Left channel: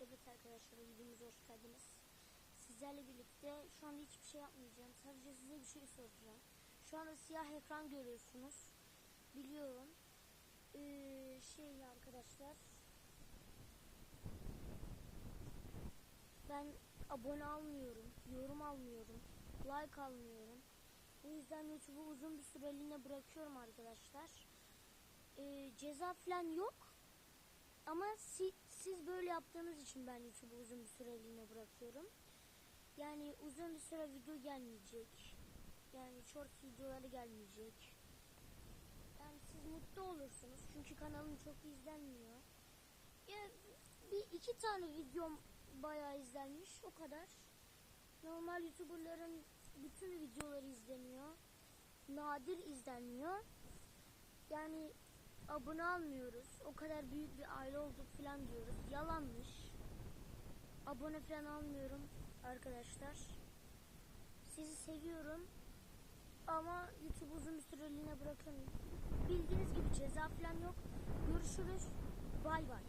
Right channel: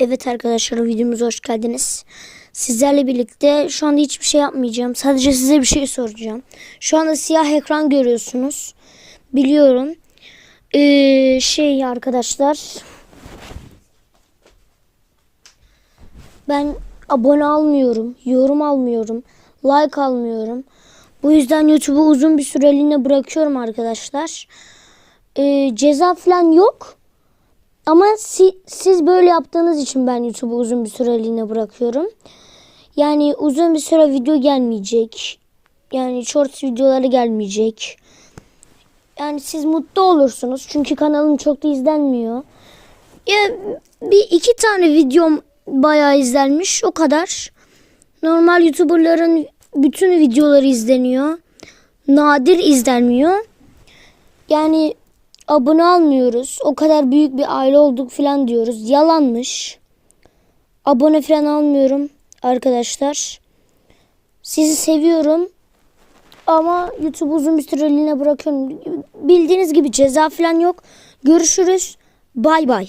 Evet arkadaşlar videomuza hoş geldiniz. Sizlerle birlikte şu anda hiçbir şey yapmayacağım. Sadece size bir şey soracağım. Şu anda siyah ekran görüyorsunuz. Biliyorum. Ee, şey arkadaşlar. Ben abone almıyorum. Yorum almıyorum. Like almıyorum. Bu yüzden YouTube'u uzun bir süreliğine bırakıyorum arkadaşlar. Ee, ceza falan yok. Ama si- siz böyle yaptığınız için ben YouTube'u uzun bir süreliğine bırakıyorum. Yani uzun bir süre video gelmeyecek. Yani short videoları gelmeyecek. Yani siz mutlu olursunuz. Çünkü kanalım çok da izlenmiyor. Ya bir iki tane videom bayağı izlenmiş. O kadar. Normal YouTuber'ların bütün videoları izleniyor. Nadir izlenmiyor. Yani abone almıyoruz. O kadar büyük bir aile olduk falan diyoruz. Yalanmış. Abone falan almıyorum arkadaşlar. Sizi seviyorum. Ama YouTube uzun bir süreliğine bırakıyorum. Bildiğiniz gibi ceza falan yok. Görüşürüz. Bay bay.